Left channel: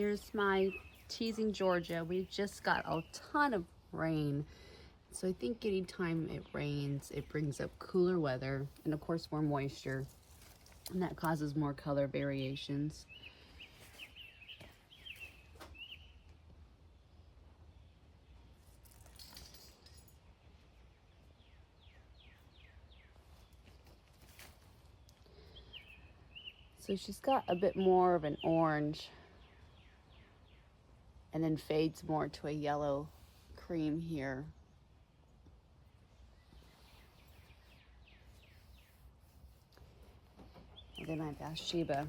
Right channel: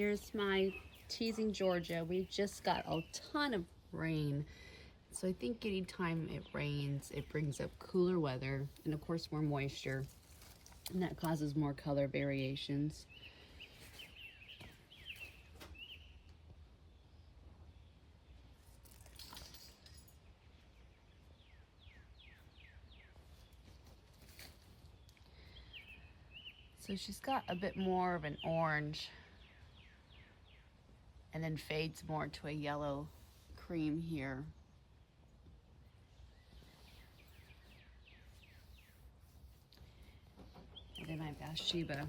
Here's my Teasing Georgia. We just got a ton of rain. So I think anytime it rains, it brings up cooler weather and of course more moisture. And that causes more color variations. So she's got a bit more of an orange and then fades more to a yellow cream here. And then my Bathsheba.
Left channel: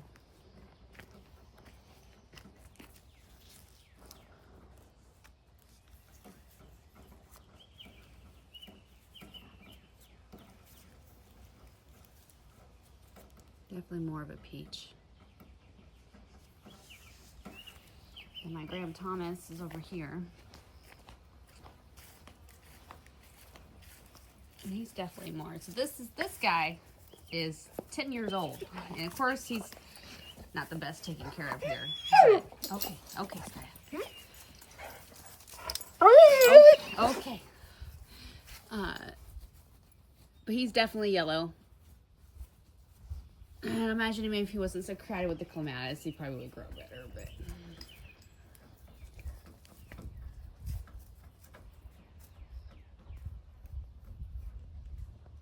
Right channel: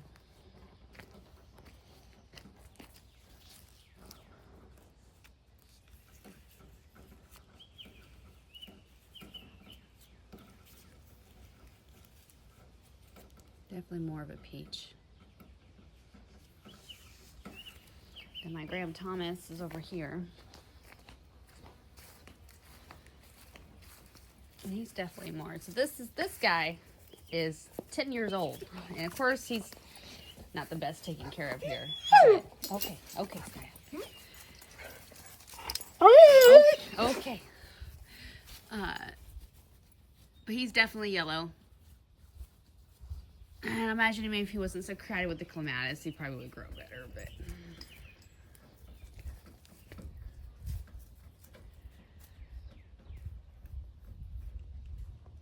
Definitely more of a peach. And my Graham Thomas is over here. And he's definitely more. So this guy is 10 years old. And of course he's not the best taken care of here. But, okay, Sky. Okay. But he's definitely yellow. And I imagine maybe if he wasn't so crowded with the clematis, he probably would grow better, but